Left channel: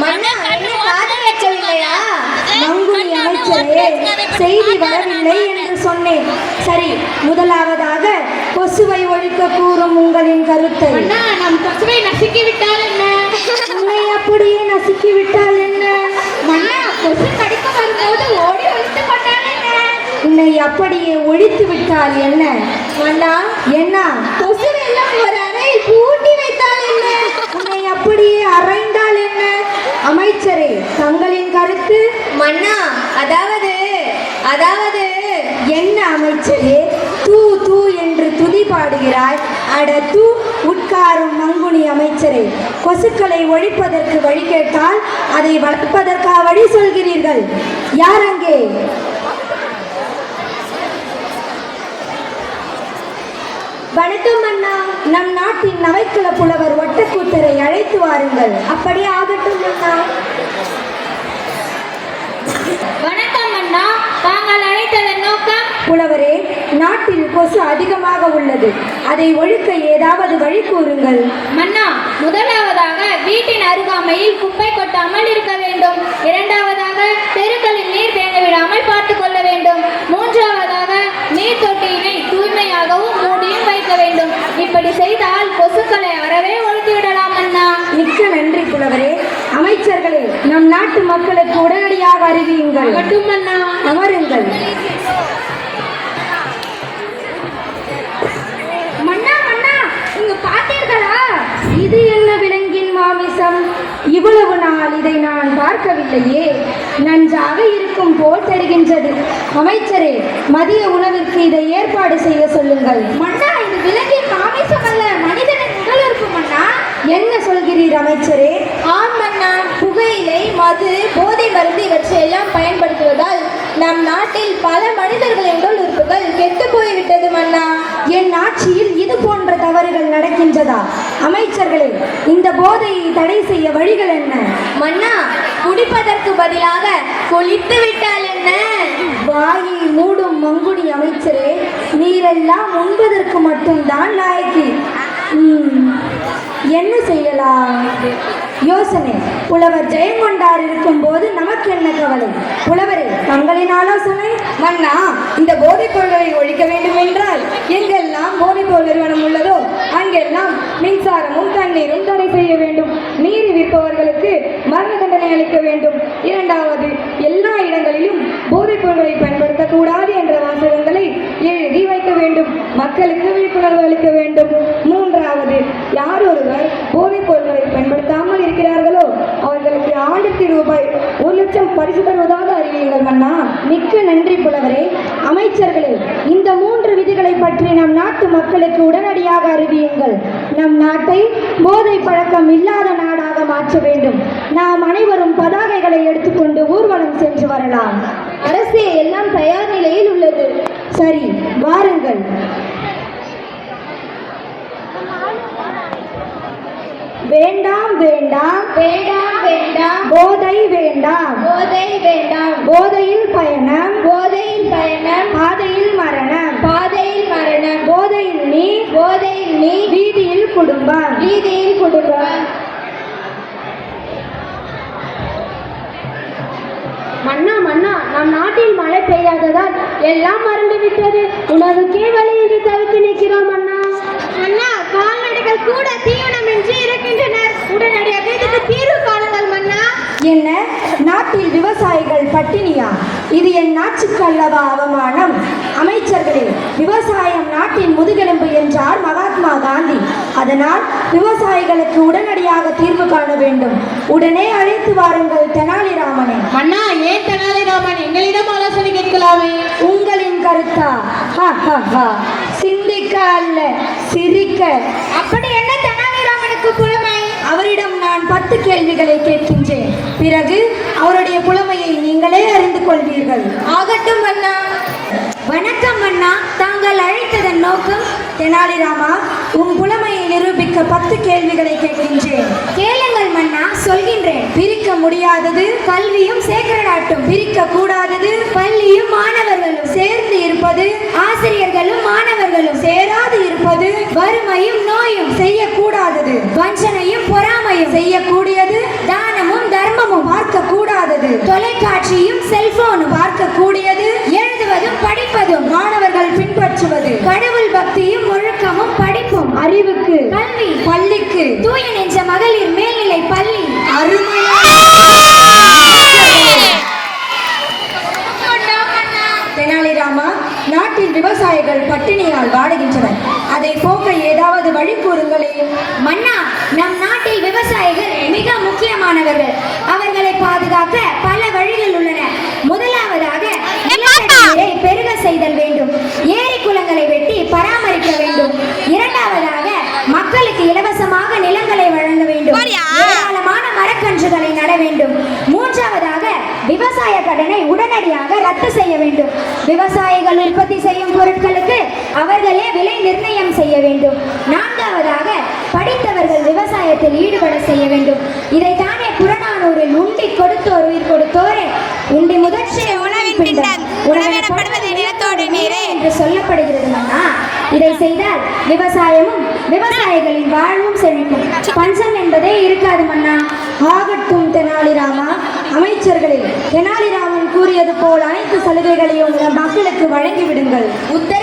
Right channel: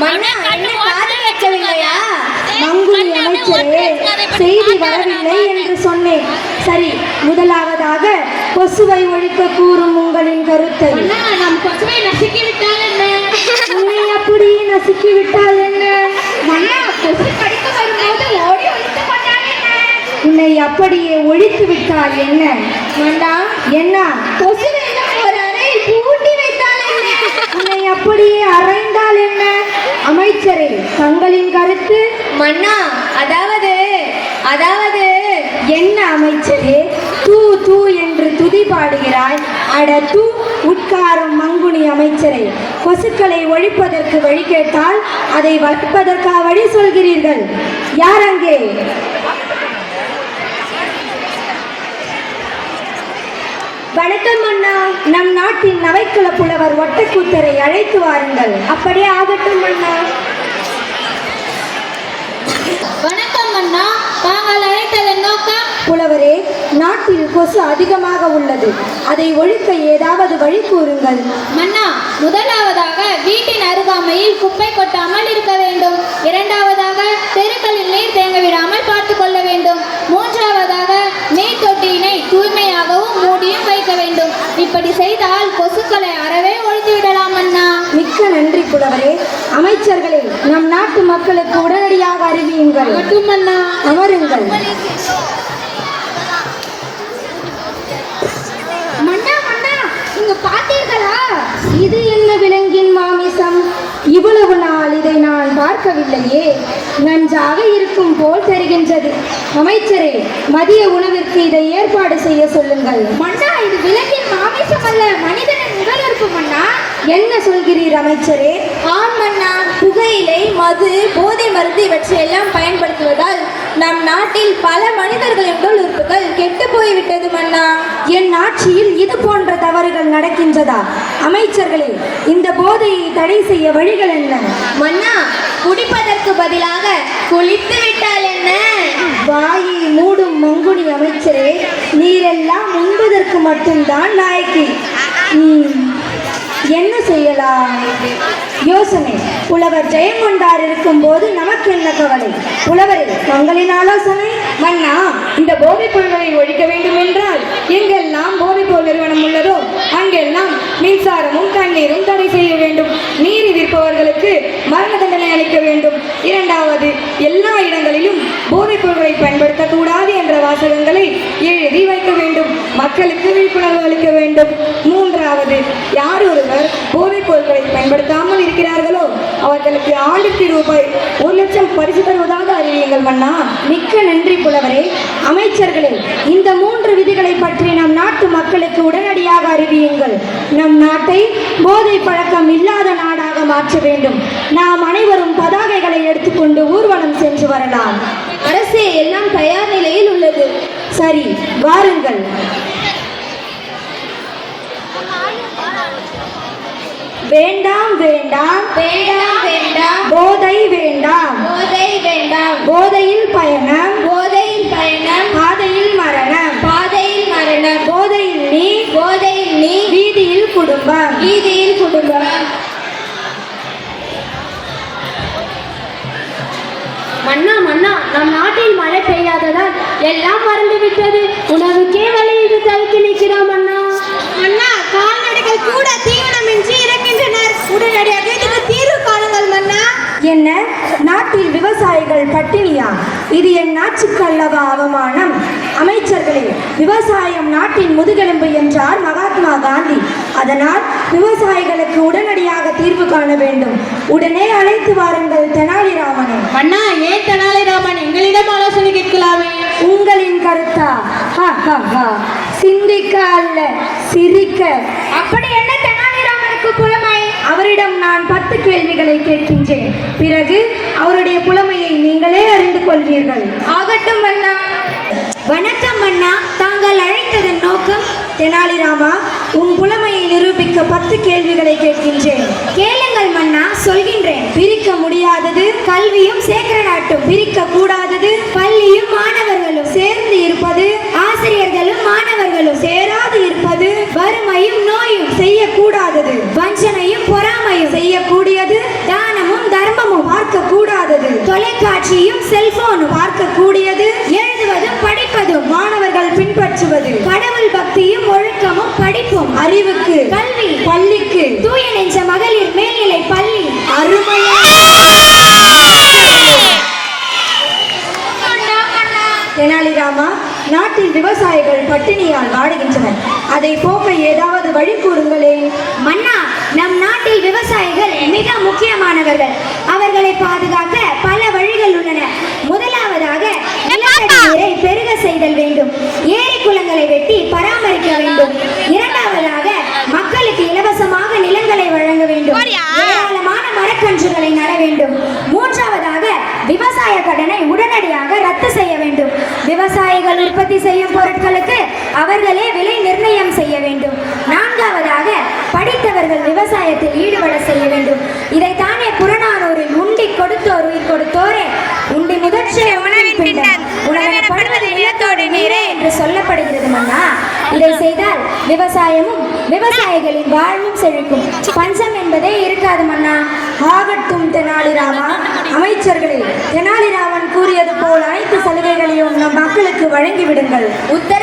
மன்னா என்ன காதை கேட்கவில்லையா மங்குனி அமைச்சரே செய்தி வரவில்லை என்று சொன்னேன். சரி முதலாவதாக கொசுவை ஒழிக்க கூறும் உங்களின் கருத்தை. மன்னா நம் பசுவை நசுக்கி விட்டால் என்ன? உன்னை அப்படியே நசுக்கி விட்டால் என்ன? மன்னா உன்னை அப்படியே ஒழித்து விட்டால் என்ன? மன்னா என்ன? அண்ணா அதாவது அதாவது என்ன அமைச்சரே? தூ தூ என்று துதி பாடுகிறாய். அட தூ உட்காரும் மங்குனி அமைச்சரே. கொசுக்களை ஒழிப்பதற்கு வழி கேட்டால் அதை வளர்ப்பதற்கா வழி சொல்கிறீர்கள். யார் அங்கே? வணக்கம் அண்ணா. நம் நாட்டின் நவைக்குல புலவர் ஒட்டக்கூத்தரை அழைத்து வாருங்கள். அப்படியே ஆகட்டும் அண்ணா வணக்கம் மன்னா தாங்கள் அழைத்ததன் நோக்கம் புலவரே நாட்டில் கொசு அதிகமாக உள்ளது. அதை ஒழிக்க ஏதாவது வழி கூறுங்கள். மன்னா முதலாவதாக வீட்டின் அருகாமையில் குப்பை கொட்டாமல் இருக்க வேண்டும். இரண்டாவதாக தெருக்களில் நீர் தேங்க விடாமல் பார்த்துக் கொள்ள வேண்டும். மூன்றாவதாக நீர் தொட்டியினை தூய்மையாகவும் மூடியும் வைக்க வேண்டும். இப்படி செய்தால் கொசுக்களை அறவே ஒழித்து விடலாம் அண்ணா மிக்க நன்றி புலவரே. அமைச்சர்களே நம் நாட்டு மக்களுக்கு உடனடியாக அறிவியுங்கள். மட்டும் அண்ணா அமருங்கள் மன்னா மன்னா இங்க பார்த்தீர்களா இது என்ன விலங்கின் மாமிசம் இவ்வளவு நாள் இதை நான் பார்க்கவில்லையே. நன்றாக இருக்கும் போல் தெரிகின்றது. அமைச்சரே மதிய உணவிற்கு இதை ஏற்பாடு செய்ய சொல்லுங்கள். மன்னா இது விலங்கின் மாமிசம் அல்ல மனிதனின் உடல் இருக்கும் மன்னா. என்ன சொல்கிறீர் அமைச்சரே? ஆம் மன்னா புகையிலை மது போதை மருந்து இவற்றையெல்லாம் பயன்படுத்துவதால் நம் நாட்டில் பல மனிதர்களின் உடல் உறுப்புகள் கெட்டு போய்விட்டது மன்னா. என் ஆட்சியில் இது போன்ற தவறுகள் நடக்கின்றதா? அமைச்சர்களே இந்த போதையை தடை செய்ய வழிகள் என்ன? மன்னா குடிப்பதற்கு பதிலாக குளித்து விட்டால் என்ன? வாயை மூடும் மங்குனி அமைச்சரே நீரெல்லாம் உண்பதற்கு மட்டும்தான் லாய்க்கு ம், என்ன செய்யலாம்? யோசனை புலவர் ஜெயங்கொண்டார் இருக்கும்போது நமக்கு என்ன கவலை? புலவரே தங்களின் ஆலோசனை? மன்னா இந்த போதைப் பொருள்களை ஒழிக்க வேண்டும் என்றால் எங்கெல்லாம் போதைப் பொருள் நிறுவனம் உள்ளதோ அங்கெல்லாம் மின்சாரமும் தண்ணீரும் தடை செய்ய வேண்டும் நீர் விற்பவர்களுக்கு மரண தண்டனை அளிக்க வேண்டும் இரண்டாவது எல்லா இடங்களிலும் போதைப் பொருட்களை பயன்படுத்தக்கூடாது என்ற வாசகங்களை எழுதி வைக்க வேண்டும் மக்களுக்கு விழிப்புணர்வு அளிக்க வேண்டும் மூன்றாவது யார் ஒருவர் போதைப் பொருட்களை பயன்படுத்தாமல் இருக்கிறார்களோ அவர்களுக்கு ஆண்டுக்கு ரூபாய் ஒரு லட்சம் பரிசு தருவதாக அறிவியுங்கள் மன்னா மிக்க நன்றி புலவரே அமைச்சர்களே இந்த மூன்று விதிகளை பற்றி நம் நாட்டு மக்களுக்கு உடனடியாக அறிவியுங்கள் நம் நாட்டை போதை பழக்கம் இல்லாத நாடாக மாற்ற வேண்டும். நாம் அனைவரும் பதாகைகளை எடுத்துக்கொண்டு ஊர்வலம் சென்று வரலாம். அரசே எல்லாம் தயார் நிலையில் உள்ளது. சரி வாருங்கள். வேண்டாம் வேண்டாம். வேண்டாம் வேண்டாம். போதை வேண்டாம். போதை வேண்டாம். போதையில் பயணம். போதையில் பயணம். எல்லாம் மறந்து விட்டது உணவுக்கே வழியிட்டு தவித்து நிற்கிறோம் அண்ணா. அண்ணா கால்நடைகள் கூட தீவனமின்றி இருக்கின்றனர் உடனடியாக இதுக்கு தீர்வு காணுங்கள் மன்னா. என்ன? நாட்டில் விவசாயிகள் பட்டினியா? இது என் நாட்டுக்கு அல்லவா அவமானம்? அமைச்சர்களே விவசாயம் நாட்டின் முதுகெலும்பு என்றார் மகாத்மா காந்தி. அதனால் விவசாயிகளுக்கு உடனடியாக தீர்வு காண வேண்டும். உடனே அழைத்து வாருங்கள் தெனாலிராமனை. மன்னா பிறகு அவருடைய புலமையை நீங்களே அறிந்து கொள்வீர்கள். ஆகட்டும் அண்ணா. வணக்கம் அண்ணா. தாங்கள் அழைத்ததன் நோக்கம் தெனாலிராமா உன் புலமையை நிரூபிக்க பத்து கேள்விகளை கேட்கின்றேன். கேளுங்கள் மன்னா. சொல்கின்றேன். பிரிக்க முடியாதது கல்வியும் சேகரநாட்டும். பிரிக்க கூடாதது பள்ளியும் மாணவர்களும். சேர்ந்து இருப்பது ஆசிரியர்களும் மாணவர்களும். சேராது இருப்பது வறுமையும் நோயும் செய்யக்கூடாதது நாட்டில் விவசாயிகள் பட்டினியால் வாடுகின்றனர். அதை போக்க ஏதாவது வழி கூறுங்களே. மன்னா நம் நாட்டில் விவசாயிகள் மிக முக்கியமானவர்கள். அவர்களை பாதுகாக்க பல வழிகள் உள்ளன. முதலாவதாக நீரை பெருக செய்தல் வேண்டும். ஏரி குளங்களை வெட்டி பராமரிக்க வேண்டும். இரண்டாவதாக மக்களுக்கு இலவசமாக நிலங்களை வழங்க வேண்டும். ஏராளமான மரக்கன்றுகளை நட வேண்டும். மூன்றாவதாக விவசாய கடனை உடனடியாக ரத்து செய்ய விவசாயமும் விவசாயிகளின் வாழ்வும் செழிக்கும். பஞ்சம் என்பதே இருக்காது மன்னா. ஆகட்டும் தெனாலிராமா. அமைச்சர்களே தெனாலிராமன் கூறியது போல் அனைத்து சலுகைகளையும் நம் மக்களுக்கு வழங்கிவிடுங்கள். உத்தர